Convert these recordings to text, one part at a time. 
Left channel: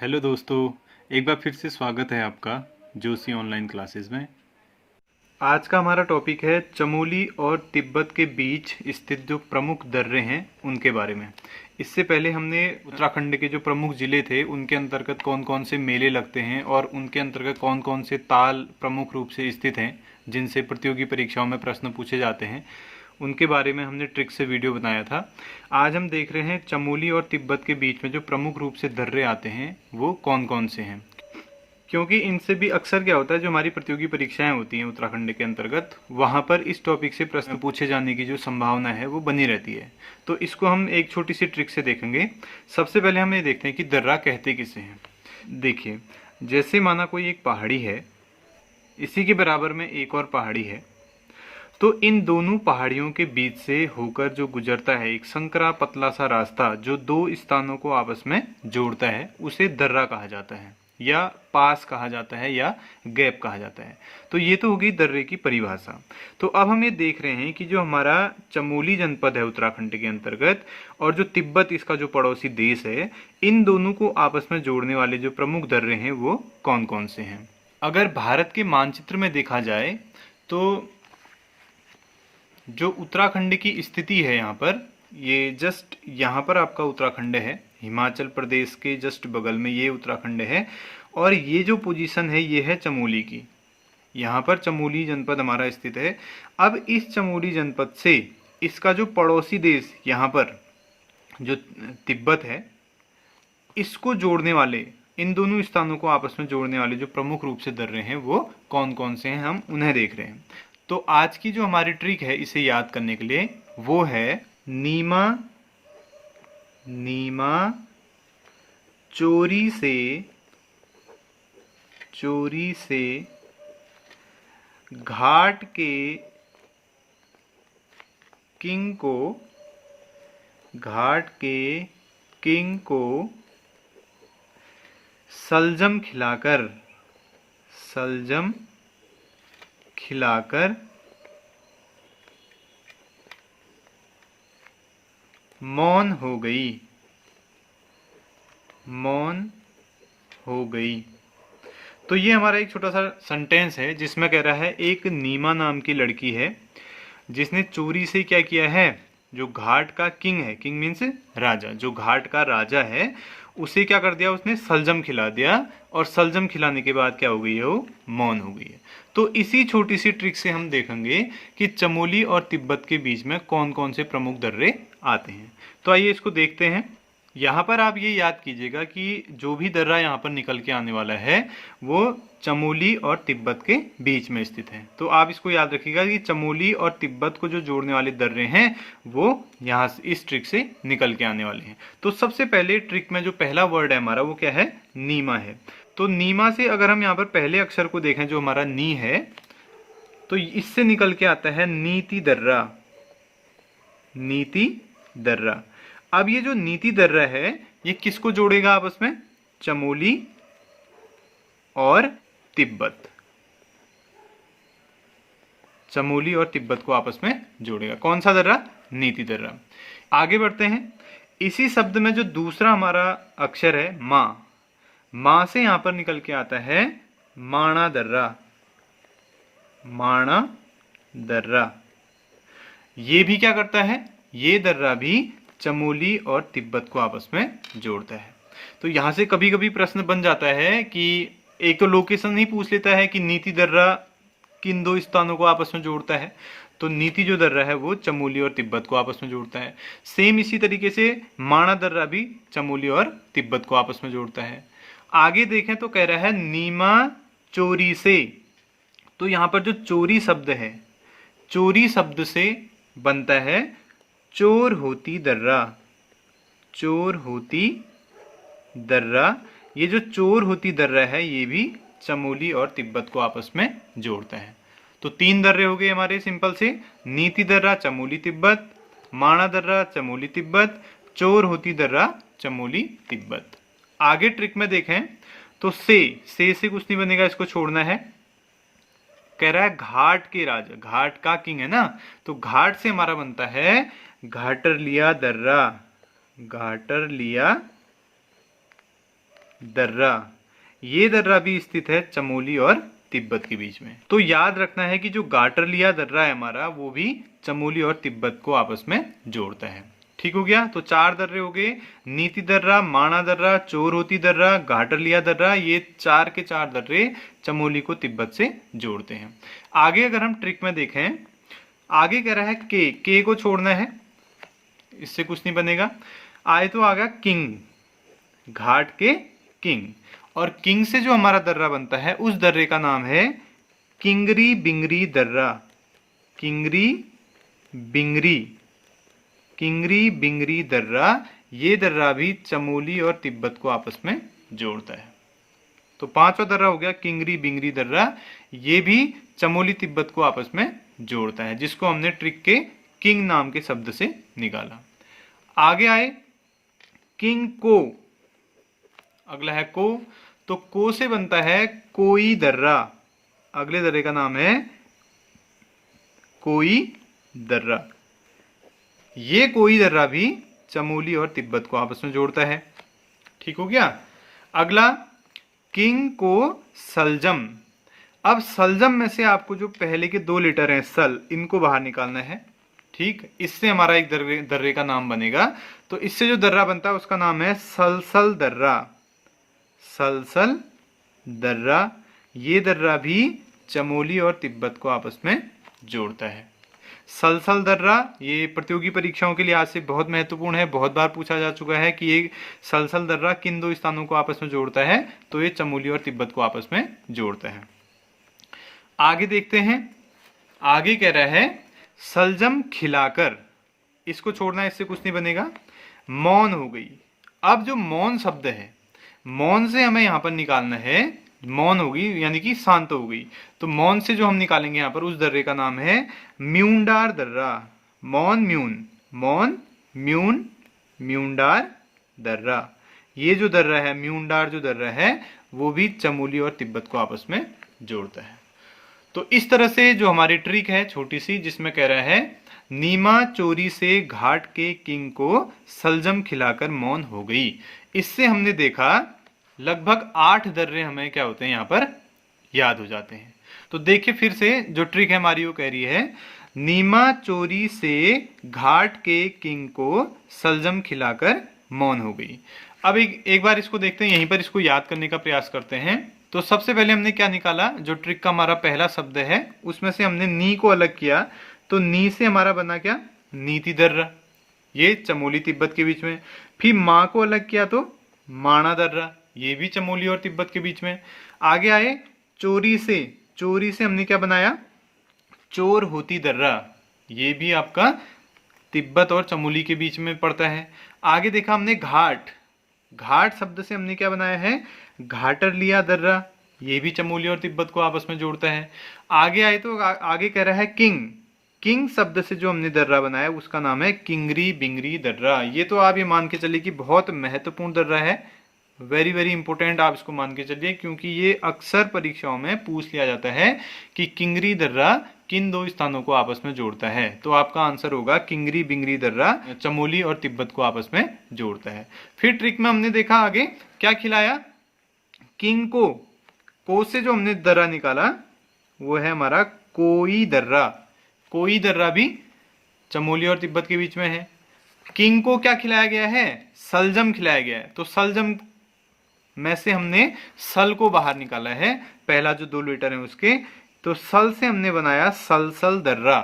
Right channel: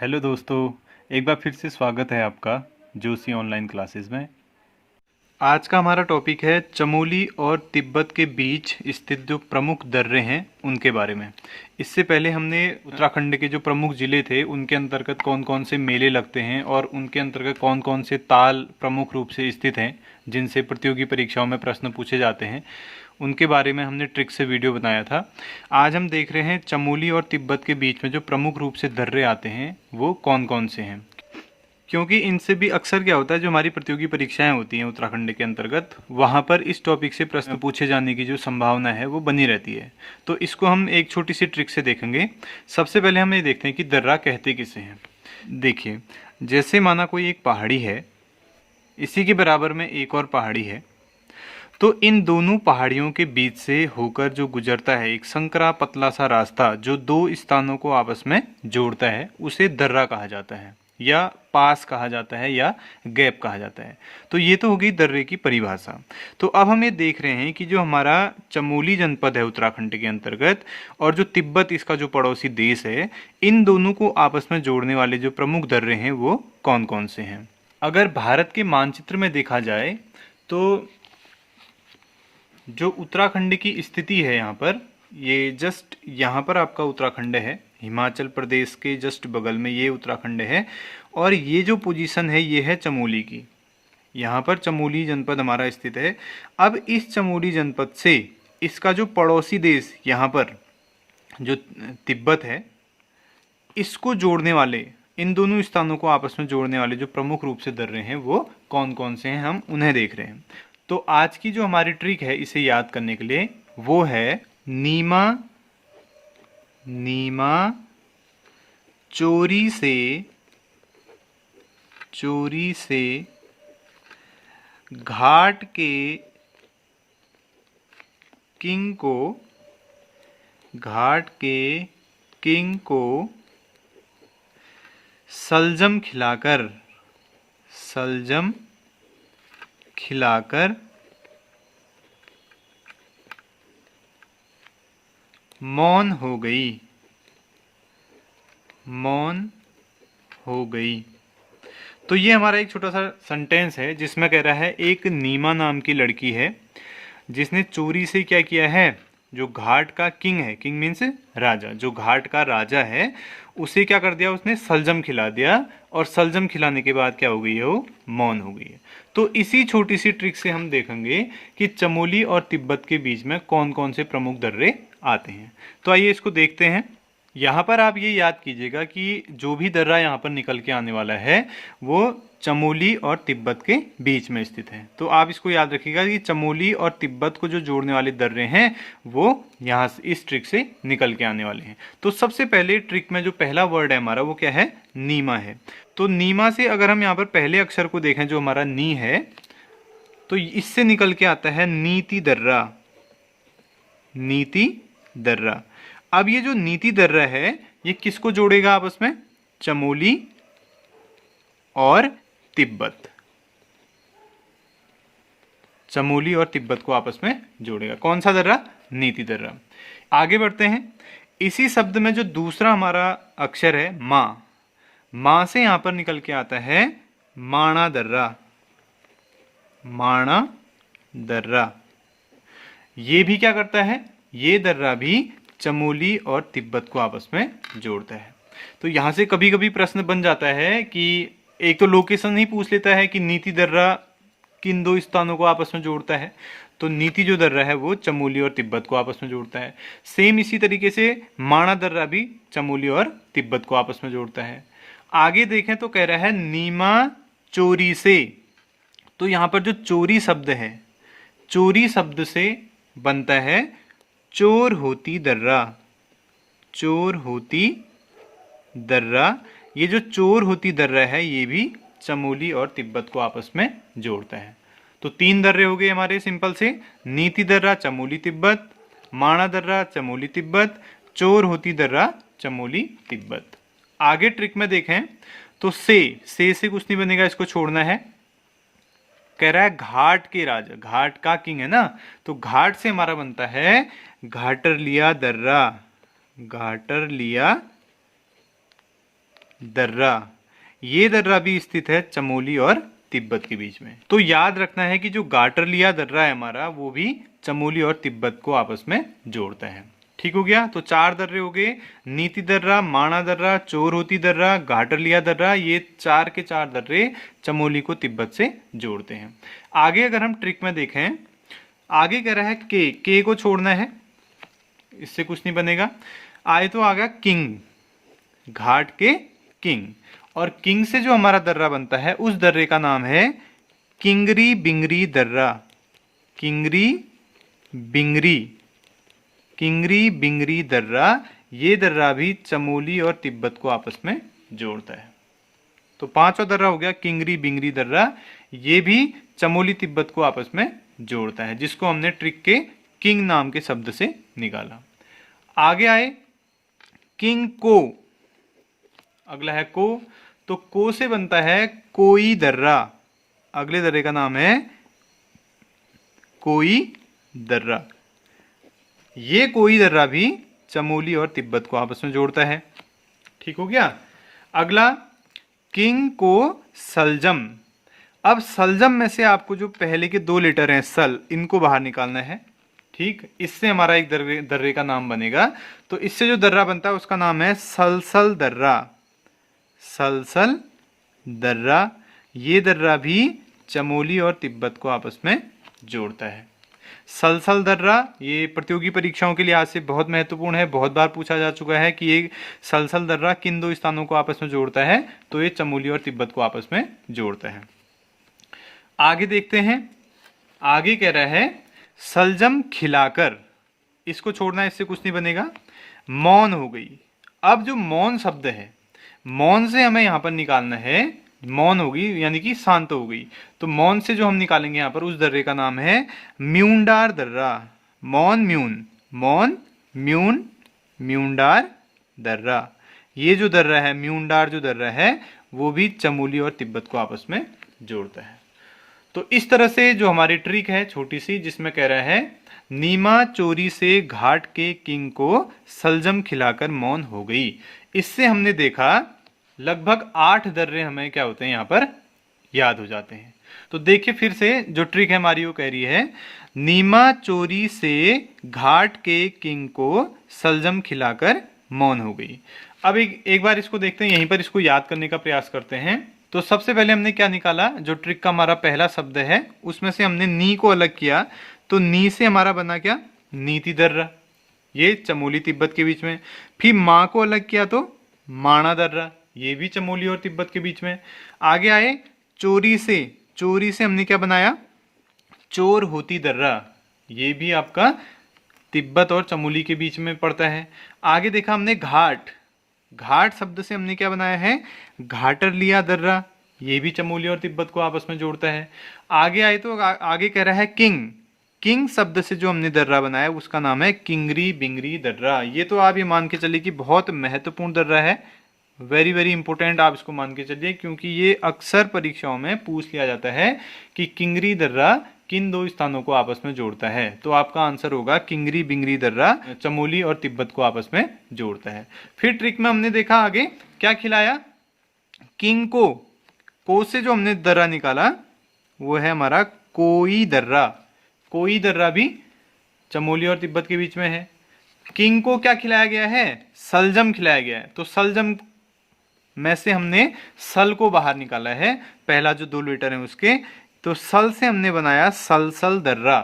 Hello दोस्तों, एक बार फिर से स्वागत है आपका जोशी ऑनलाइन क्लासेस में। आज का हमारा टॉपिक है चमोली और तिब्बत के बीच स्थित जो प्रमुख दर्रे हैं उनके बारे में। इससे पहले हमने उत्तराखंड के जो प्रमुख जिले थे उनके अंतर्गत कौन कौन से मेले लगते हैं और उनके अंतर्गत कौन कौन से ताल प्रमुख रूप से स्थित हैं जिनसे प्रतियोगी परीक्षाओं में प्रश्न पूछे जाते हैं, उनके बारे में हमने ट्रिक से वीडियो बनाया था। आज हम देख रहे हैं चमोली और तिब्बत के बीच में जो प्रमुख रूप से दर्रे आते हैं वो कौन कौन से हैं, क्योंकि इनसे भी अक्सर क्या होता है, जो हमारी प्रतियोगी परीक्षाएं होती हैं उत्तराखंड के अंतर्गत, वहाँ पर इस टॉपिक से प्रश्न पूछे जाने की जो संभावना है वो बनी रहती है। तो इसको हम एक छोटी सी ट्रिक से देखेंगे। सबसे पहले हम ये देखते हैं कि दर्रा कहते किसे हैं। देखिए, जैसे माना कोई एक पहाड़ी है, इसी के बराबर में एक और पहाड़ी है, तो इन दोनों पहाड़ियों के बीच से होकर जो गुजरता है एक संकरा पतला सा रास्ता जो दो स्थानों को आपस में जोड़ता है, उसे दर्रा कहा जाता है या पास कहा जाता है या गैप कहा जाता है। तो ये तो होगी दर्रे की परिभाषा। तो अब हम ये देख रहे हैं कि जो हमारा चमोली जनपद है उत्तराखंड के अंतर्गत और जो तिब्बत इसका जो पड़ोसी देश है, इन दोनों को आपस में जोड़ने वाले जो प्रमुख दर्रे हैं वो कौन कौन से हैं। अगर भारत के मानचित्र में देखा जाए तो जो उत्तराखंड की स्थिति है यहाँ पर, ये जस्ट यहाँ पर आपका उत्तराखंड है, हिमाचल प्रदेश के जस्ट बगल में ये उत्तराखंड है, और ये जो पोजीशन है ये है चमोली की। यहाँ पर चमोली जनपद हमारा स्थित है। अब इस चमोली जनपद से इसका जो पड़ोसी देश यहाँ पर जो तिब्बत है, इसको जोड़ने वाले, इन दोनों स्थानों को आपस में जोड़ने वाले जो प्रमुख रूप से दर्रे हैं वो कौन कौन से हैं, हम उन्हें देख रहे हैं। तो आज की जो हमारी ट्रिक है इसे याद करने के लिए वो है नीमा नीमा चोरी से घाट के किंग को सलजम खिलाकर मौन हो गई। तो ये हमारा एक छोटा सा सेंटेंस है जिसमें कह रहा है एक नीमा नाम की लड़की है जिसने चोरी से क्या किया है, जो घाट का किंग है, किंग मीन्स राजा, जो घाट का राजा है उसे क्या कर दिया, उसने सलजम खिला दिया, और सलजम खिलाने के बाद क्या हो गई है, वो मौन हो गई है। तो इसी छोटी सी ट्रिक से हम देखेंगे कि चमोली और तिब्बत के बीच में कौन कौन से प्रमुख दर्रे आते हैं। तो आइए इसको देखते हैं। यहाँ पर आप ये याद कीजिएगा कि जो भी दर्रा यहाँ पर निकल के आने वाला है वो चमोली और तिब्बत के बीच में स्थित है। तो आप इसको याद रखिएगा कि चमोली और तिब्बत को जो जोड़ने वाले दर्रे हैं वो यहाँ से इस ट्रिक से निकल के आने वाले हैं। तो सबसे पहले ट्रिक में जो पहला वर्ड है हमारा वो क्या है, नीमा है। तो नीमा से अगर हम यहाँ पर पहले अक्षर को देखें जो हमारा नी है, तो इससे निकल के आता है नीति दर्रा। अब ये जो नीति दर्रा है ये किसको जोड़ेगा आपस में, चमोली और तिब्बत, चमोली और तिब्बत को आपस में जोड़ेगा। कौन सा दर्रा, नीति दर्रा। आगे बढ़ते हैं। इसी शब्द में जो दूसरा हमारा अक्षर है मां से यहां पर निकल के आता है माणा दर्रा। ये भी क्या करता है, ये दर्रा भी चमोली और तिब्बत को आपस में जोड़ता है। तो यहां से कभी कभी प्रश्न बन जाता है कि एक तो लोकेशन ही पूछ लेता है कि नीति दर्रा किन दो स्थानों को आपस में जोड़ता है, तो नीति जो दर्रा है वो चमोली और तिब्बत को आपस में जोड़ता है। सेम इसी तरीके से माणा दर्रा भी चमोली और तिब्बत को आपस में जोड़ता है। आगे देखें तो कह रहा है नीमा चोरी से। तो यहां पर जो चोरी शब्द है, चोरी शब्द से बनता है चोर होती दर्रा। ये जो चोर होती दर्रा है ये भी चमोली और तिब्बत को आपस में जोड़ता है। तो तीन दर्रे हो गए हमारे सिंपल से, नीति दर्रा चमोली तिब्बत, माणा दर्रा चमोली तिब्बत, चोर होती दर्रा चमोली तिब्बत। आगे ट्रिक में देखें तो से कुछ नहीं बनेगा, इसको छोड़ना है। कह रहा है घाट के राजा, घाट का किंग है ना, तो घाट से हमारा बनता है घाटरलिया दर्रा, ये दर्रा भी स्थित है चमोली और तिब्बत के बीच में। तो याद रखना है कि जो गाटरलिया दर्रा है हमारा, वो भी चमोली और तिब्बत को आपस में जोड़ता है। ठीक हो गया। तो 4 दर्रे हो गए, नीति दर्रा, माणा दर्रा, चोरहोती दर्रा, घाटरलिया दर्रा। ये 4 के 4 दर्रे चमोली को तिब्बत से जोड़ते हैं। आगे अगर हम ट्रिक में देखें, आगे कह रहा है के को छोड़ना है, इससे कुछ नहीं बनेगा। आए तो आ गया किंग, घाट के किंग, और किंग से जो हमारा दर्रा बनता है उस दर्रे का नाम है किंगरी बिंगरी दर्रा। किंगरी बिंगरी, किंगरी बिंगरी दर्रा, ये दर्रा भी चमोली और तिब्बत को आपस में जोड़ता है। तो 5वां दर्रा हो गया किंगरी बिंगरी दर्रा, ये भी चमोली तिब्बत को आपस में जोड़ता है, जिसको हमने ट्रिक के किंग नाम के शब्द से निकाला। आगे आए किंग को, अगला है को, तो को से बनता है कोई दर्रा। अगले दर्रे का नाम है कोई दर्रा। ये कोई दर्रा भी चमोली और तिब्बत को आपस में जोड़ता है। ठीक हो गया। अगला किंग को सलजम। अब सलजम में से आपको जो पहले के 2 लेटर हैं सल, इनको बाहर निकालना है। ठीक, इससे हमारा एक दर्रे का नाम बनेगा। तो इससे जो दर्रा बनता है उसका नाम है सलसल दर्रा। सलसल दर्रा, ये दर्रा भी चमोली और तिब्बत को आपस में जोड़ता है। सलसल दर्रा ये प्रतियोगी परीक्षाओं के लिहाज से बहुत महत्वपूर्ण है, बहुत बार पूछा जा चुका है कि ये सलसल दर्रा किन 2 स्थानों को आपस में जोड़ता है, तो ये चमोली और तिब्बत को आपस में जोड़ता है। आगे देखते हैं, आगे कह रहा है सलजम खिलाकर, इसको छोड़ना है, इससे कुछ नहीं बनेगा। मौन हो गई। अब जो मौन शब्द है, मौन से हमें यहां पर निकालना है, मौन होगी यानी कि शांत हो गई, तो मौन से जो हम निकालेंगे यहां पर उस दर्रे का नाम है म्यूंडार दर्रा। मौन म्यून, मौन म्यून म्यूंडार दर्रा। ये जो दर्रा है म्यूंडार जो दर्रा है, वो भी चमोली और तिब्बत को आपस में जोड़ता है। तो इस तरह से जो हमारी ट्रिक है छोटी सी, जिसमें कह रहा है नीमा चोरी से घाट के किंग को सलजम खिलाकर मौन हो गई, इससे हमने देखा लगभग 8 दर्रे हमें क्या होते हैं यहाँ पर याद हो जाते हैं। तो देखिए फिर से जो ट्रिक है हमारी, वो कह रही है नीमा चोरी से घाट के किंग को सलजम खिलाकर मौन हो गई। अब एक बार इसको देखते हैं, यहीं पर इसको याद करने का प्रयास करते हैं। तो सबसे पहले हमने क्या निकाला, जो ट्रिक का हमारा पहला शब्द है उसमें से हमने नी को अलग किया, तो नी से हमारा बना क्या, नीति दर्रा, ये चमोली तिब्बत के बीच में। फिर माँ को अलग किया तो माणा दर्रा, ये भी चमोली और तिब्बत के बीच में। आगे आए चोरी से, चोरी से हमने क्या बनाया, चोरहोती दर्रा, ये भी आपका तिब्बत और चमोली के बीच में पड़ता है। आगे देखा हमने घाट, घाट शब्द से हमने क्या बनाया है, घाटरलिया दर्रा, ये भी चमोली और तिब्बत को आपस में जोड़ता है। आगे आए तो आगे कह रहा है किंग, किंग शब्द से जो हमने दर्रा बनाया उसका नाम है किंगरी बिंगरी दर्रा। ये तो आप ये मान के चलिए कि बहुत महत्वपूर्ण दर्रा है, वेरी वेरी इंपॉर्टेंट, आप इसको मान के चलिए, क्योंकि ये अक्सर परीक्षाओं में पूछ लिया जाता है कि किंगरी दर्रा किन 2 स्थानों को आपस में जोड़ता है। तो आपका आंसर होगा किंगरी बिंगरी दर्रा चमोली और तिब्बत को आपस में जोड़ता है। फिर ट्रिक में हमने देखा आगे क्या खिलाया, किंग को से जो हमने दर्रा निकाला वो है हमारा कोई दर्रा। कोई दर्रा भी चमोली और तिब्बत के बीच में है। किंग को क्या खिलाया गया है, सलजम खिलाया गया है। तो सलजम में से हमने सल को बाहर निकाला है, पहला जो 2 लेटर है उसके, तो सल से हमने बनाया सलसल दर्रा,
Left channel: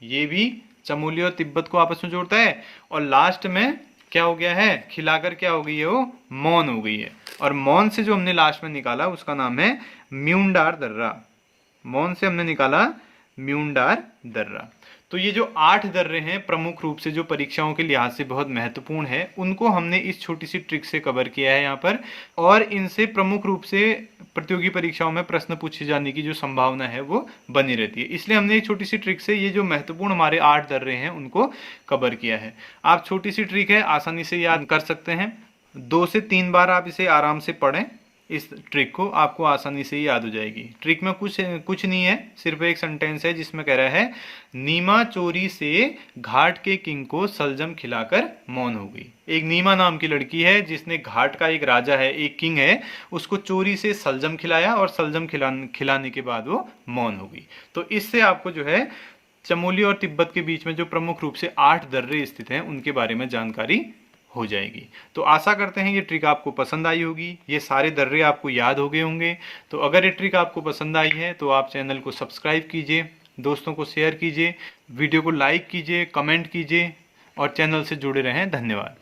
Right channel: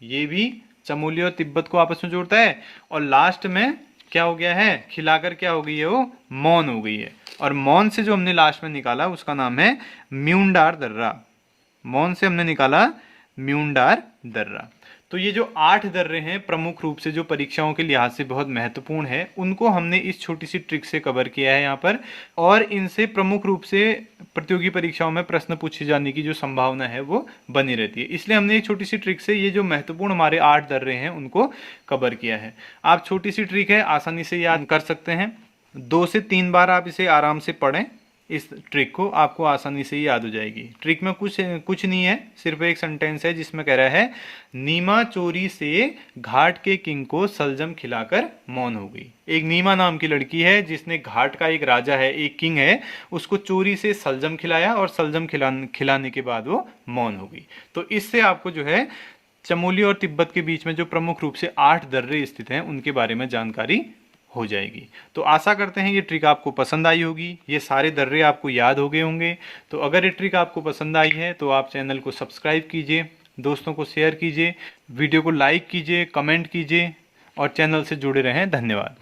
ये भी चमोली और तिब्बत को आपस में जोड़ता है। और लास्ट में क्या हो गया है, खिलाकर क्या हो गई है, वो मौन हो गई है। और मौन से जो हमने लास्ट में निकाला उसका नाम है म्यूंडार दर्रा। मौन से हमने निकाला म्यूंडार दर्रा। तो ये जो 8 दर्रे हैं प्रमुख रूप से जो परीक्षाओं के लिहाज से बहुत महत्वपूर्ण है, उनको हमने इस छोटी सी ट्रिक से कवर किया है यहाँ पर। और इनसे प्रमुख रूप से प्रतियोगी परीक्षाओं में प्रश्न पूछे जाने की जो संभावना है वो बनी रहती है। इसलिए हमने एक छोटी सी ट्रिक से ये जो महत्वपूर्ण हमारे 8 दर्रे हैं उनको कवर किया है। आप छोटी सी ट्रिक है, आसानी से याद कर सकते हैं। 2 से 3 बार आप इसे आराम से पढ़ें, इस ट्रिक को आपको आसानी से ही याद हो जाएगी। ट्रिक में कुछ नहीं है, सिर्फ एक सेंटेंस है जिसमें कह रहा है नीमा चोरी से घाट के किंग को सलजम खिलाकर मौन हो गई। एक नीमा नाम की लड़की है जिसने घाट का एक राजा है, एक किंग है, उसको चोरी से सलजम खिलाया और सलजम खिलाने के बाद वो मौन हो गई। तो इससे आपको जो है चमोली और तिब्बत के बीच में जो प्रमुख रूप से 8 दर्रे स्थित हैं उनके बारे में जानकारी हो जाएगी। तो आशा करते हैं ये ट्रिक आपको पसंद आई होगी, ये सारे दर्रे आपको याद हो गए होंगे। तो अगर ये ट्रिक आपको पसंद आई है तो आप चैनल को सब्सक्राइब कीजिए, दोस्तों को शेयर कीजिए, वीडियो को लाइक कीजिए, कमेंट कीजिए और चैनल से जुड़े रहें। धन्यवाद।